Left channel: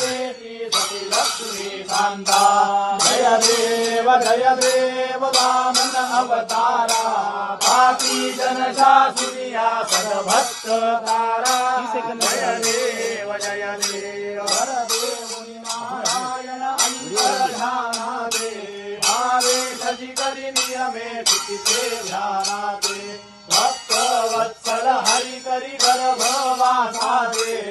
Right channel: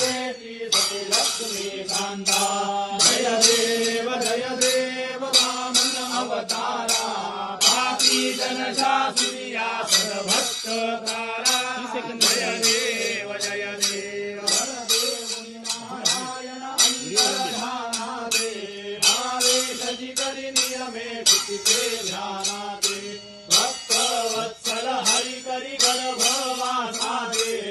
मागे लक्ष्मी कान्ता जय देव जय देव वामन अवतारा पापी जन शासिया सर्वभक्त तारा जय देव जय देव नारायण अंतर्धानादे भावे सजि करि नियमे स्थिते ध्यानादे भक्त वत्सल हरि करि गर्भवासादे